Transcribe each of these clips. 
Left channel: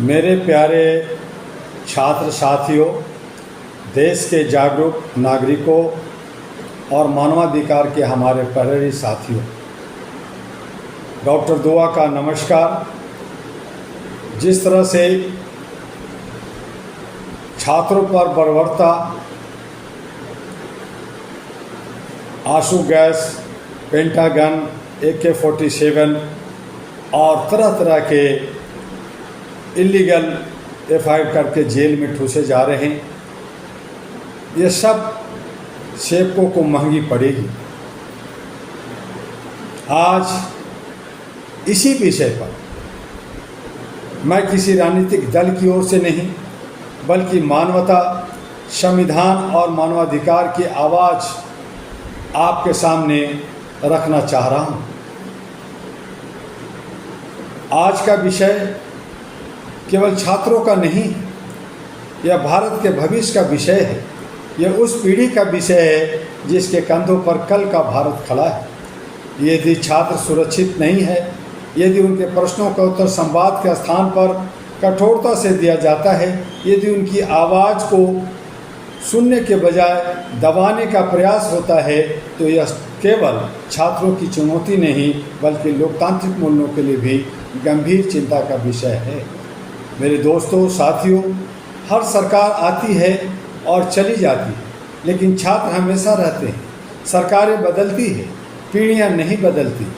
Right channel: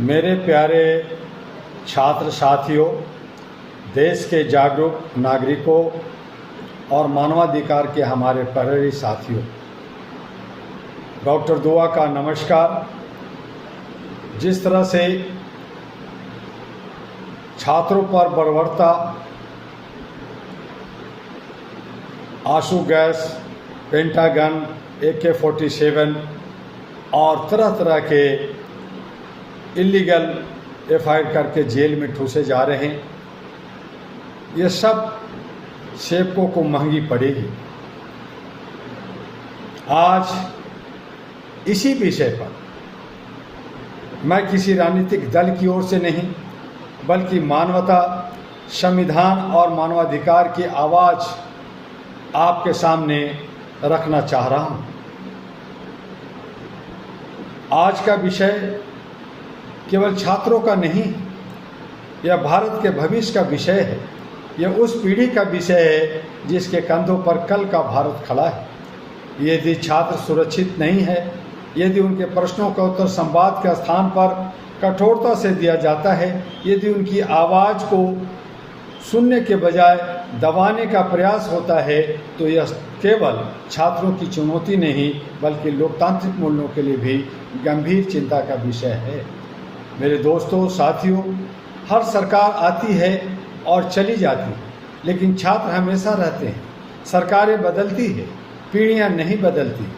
मेरे प्यारे छात्र साथियों, देश के जागरूक नागरिकों और मानवाधिकार के हमारे प्रहरी साथियों, डॉक्टर दुआ का नमस्कार। जिस तरह से छात्रों पर बर्बरता, आंसू गैस, पेंटागन, AK-47 और तरह तरह के इलीगल FIR करके जेल में ठूसे जा रहे हैं, ये सब सेवकों को महंगी पड़ेगी। आज इसी विषय पर मैं किसी राजनीतिक दल की ओर से नहीं, बल्कि मानवता, संविधान और मानवाधिकार की आवाज़ आपके सामने रखना चाह रहा हूँ। आज का विषय केवल छात्रों का नहीं, यह भारत के भविष्य का विषय है। यह उस पीढ़ी का विषय है जिसके कंधों पर कल का भारत खड़ा है। यदि छात्र सुरक्षित नहीं है, यदि उनके प्रश्नों का उत्तर संवाद के स्थान पर कठोरता से दिया जाता है, यदि उनकी आवाज़ को सुनने के बजाय दबाने का प्रयास होता है, तो यह केवल छात्रों की चुनौती नहीं, बल्कि लोकतांत्रिक मूल्यों के लिए भी गंभीर चिंता का विषय है। मेरे दोस्तों, साथियों, हर सरकार आती है और चली जाती है, लेकिन छात्र हमेशा रहते हैं। सरकारें बदलती है, पीढ़ियां नहीं बदलती।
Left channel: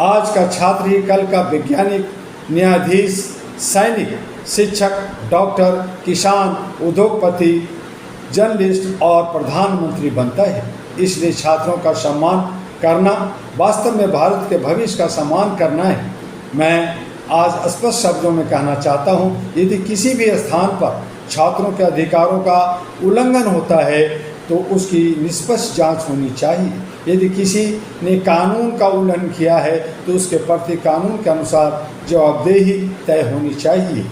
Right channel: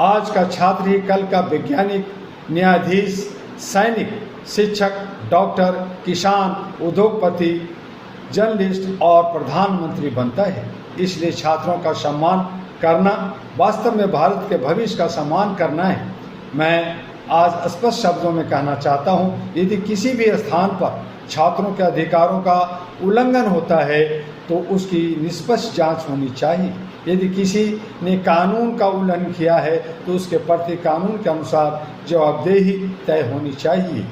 आज का छात्र ही कल का वैज्ञानिक, न्यायाधीश, सैनिक, शिक्षक, डॉक्टर, किसान, उद्योगपति, जर्नलिस्ट और प्रधानमंत्री बनता है। इसलिए छात्रों का सम्मान करना वास्तव में भारत के भविष्य का सम्मान करना है। मैं आज स्पष्ट शब्दों में कहना चाहता हूँ, यदि किसी भी स्थान पर छात्रों के अधिकारों का उल्लंघन होता है तो उसकी निष्पक्ष जांच होनी चाहिए। यदि किसी ने कानून का उल्लंघन किया है तो उसके प्रति कानून के अनुसार जवाबदेही तय होनी चाहिए।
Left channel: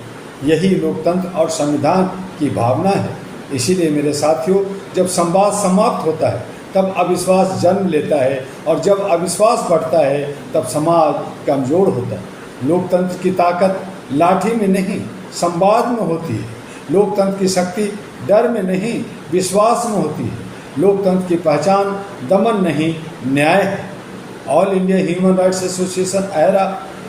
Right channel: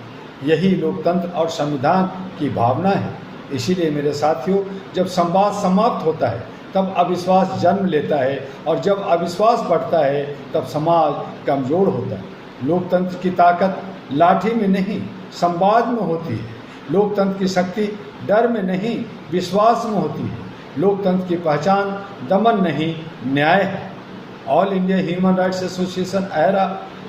यही लोकतंत्र और संविधान की भावना है। इसीलिए मेरे साथियों, जब संवाद समाप्त होता है तब अविश्वास जन्म लेता है, और जब अविश्वास बढ़ता है तब समाज कमज़ोर होता है। लोकतंत्र की ताकत लाठी में नहीं, संवाद में होती है। लोकतंत्र की शक्ति डर में नहीं, विश्वास में होती है। लोकतंत्र की पहचान दमन नहीं, न्याय है। All India human rights association AERA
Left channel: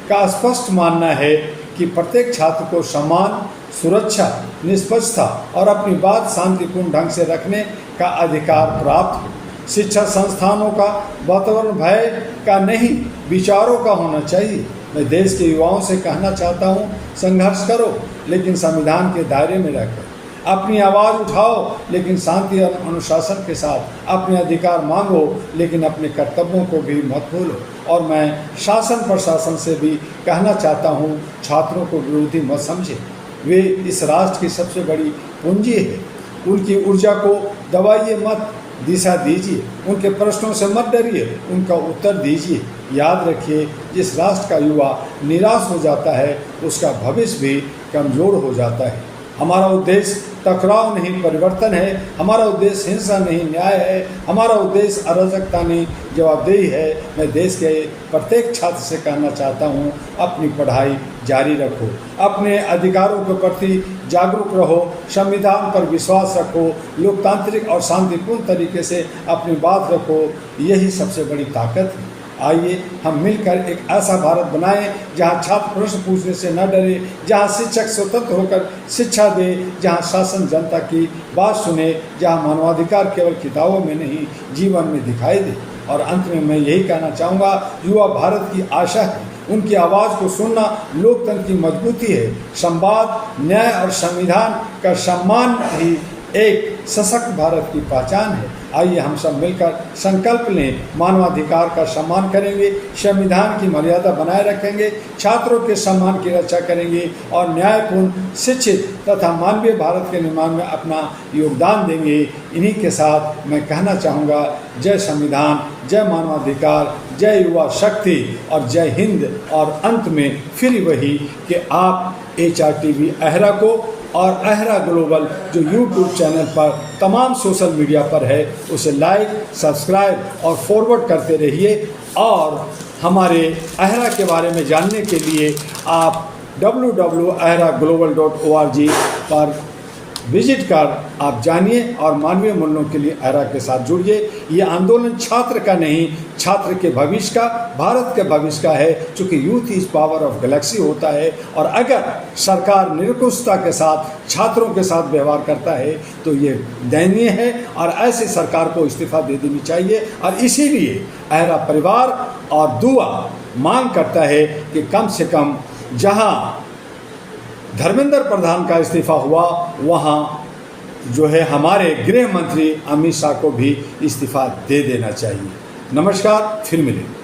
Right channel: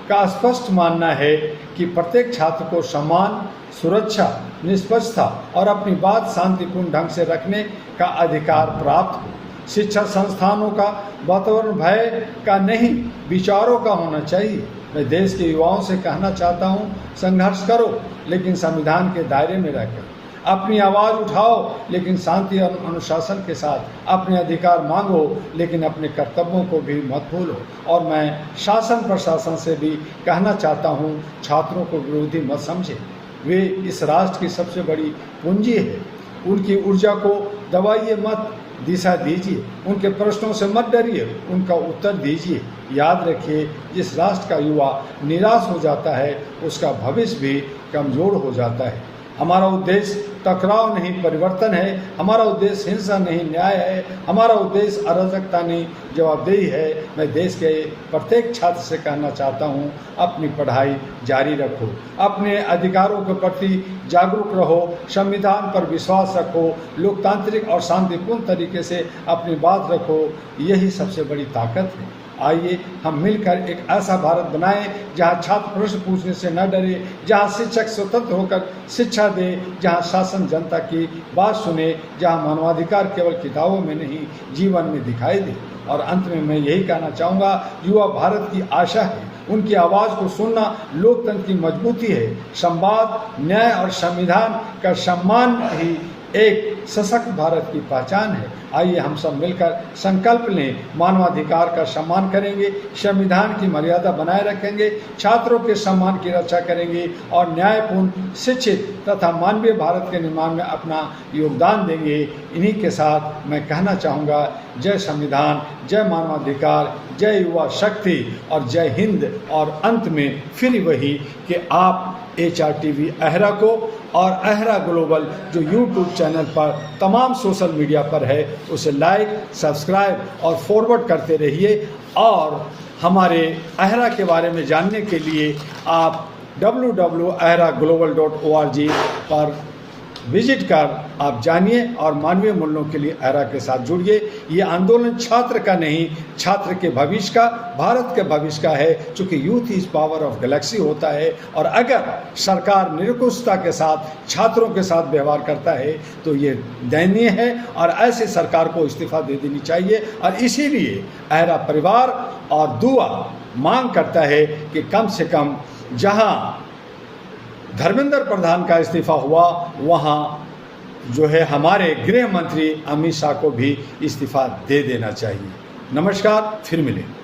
का स्पष्ट मानना है कि प्रत्येक छात्र को सम्मान, सुरक्षा, निष्पक्षता और अपनी बात शांतिपूर्ण ढंग से रखने का अधिकार प्राप्त हो। शिक्षा संस्थानों का वातावरण भय का नहीं, विचारों का होना चाहिए। मैं देश के युवाओं से कहना चाहता हूँ, संघर्ष करो लेकिन संविधान के दायरे में रहकर। अपनी आवाज़ उठाओ लेकिन शांति और अनुशासन के साथ। अपने अधिकार मांगो लेकिन अपने कर्तव्यों को भी मत भूलो। और मैं शासन प्रशासन से भी कहना चाहता हूँ, छात्रों को विरोधी मत समझे। वे इस राष्ट्र की सबसे बड़ी पूंजी है। उनकी ऊर्जा को दबाइए मत, दिशा दीजिए। उनके प्रश्नों से मत डरिए, उनका उत्तर दीजिए। याद रखिए, जिस राष्ट्र का युवा निराश हो जाता है उसका भविष्य भी कमज़ोर हो जाता है। हमारा उद्देश्य टकराव नहीं, परिवर्तन है। हमारा उद्देश्य हिंसा नहीं, न्याय है। हमारा उद्देश्य अराजकता नहीं, जवाबदेही है। मैं देश के प्रत्येक छात्र से कहना चाहता हूँ, अपनी पढ़ाई जारी रखो, अपने अधिकारों के प्रति जागरूक रहो, संविधान पर विश्वास रखो, लोकतांत्रिक और शांतिपूर्ण तरीके से अपनी बात रखो। यही सबसे बड़ी ताकत है। आइए हम मिलकर एक ऐसा भारत बनाएं जहां छात्र प्रश्न पूछने से न डरे, जहां शिक्षक स्वतंत्र होकर शिक्षा दे, जहां शासन जनता की बात सुने, जहां मानवाधिकार केवल किताबों में नहीं, जीवन में दिखाई दे। और अंत में मैं यही कहना चाहूँगा, युवा भारत की आशा है। उनकी आवाज़ को सुनना लोकतंत्र की मजबूती है। संवाद, न्याय और संविधान का सम्मान ही एक सशक्त भारत की पहचान है। आइए हम सब मिलकर संकल्प लें, मानवाधिकार का सम्मान करेंगे, संविधान की मर्यादा बनाए रखेंगे, छात्रों के सम्मान की रक्षा करेंगे और न्यायपूर्ण, शिक्षित तथा मानवीय भारत के निर्माण में अपना योगदान देंगे। इन्हीं के साथ मैं कहना चाहूँगा, जय संविधान, जय मानवाधिकार, जय युवा शक्ति और जय हिंद। और अंत में फिर वही कि आप HRTV AERA को और AERA ग्लोबल जो YouTube चैनल पर तमाम सोशल मीडिया पर है उसे लाइक, सब्सक्राइब और फॉरवर्ड करते रहिए। और हमारे AERA के बारे में जानने के लिए आप www.ahraglobal.org पर विजिट कर आप जानिए और मानवीय मूल्यों के लिए अहरा के साथ जुड़िए। ये आंदोलन छात्र का नहीं, छात्र के भविष्य का, भारत के भविष्य का है, क्योंकि youth is power of Galaxy होता है। और अगर सरकार निरंकुशता के साथ छात्रों के साथ व्यवहार करता है तो ये दयनीय है और ऐसे सरकार को इस्तीफा दे देनी चाहिए। और इसीलिए अहरा परिवार और दुआ मांग करता है कि कम से कम जहां धर्मेंद्र प्रधान का इस्तीफा हुआ वहां जो है हमारे गृह मंत्री अमित शाह को भी इस्तीफा दे देना चाहिए। नमस्कार, फिर मिलेंगे।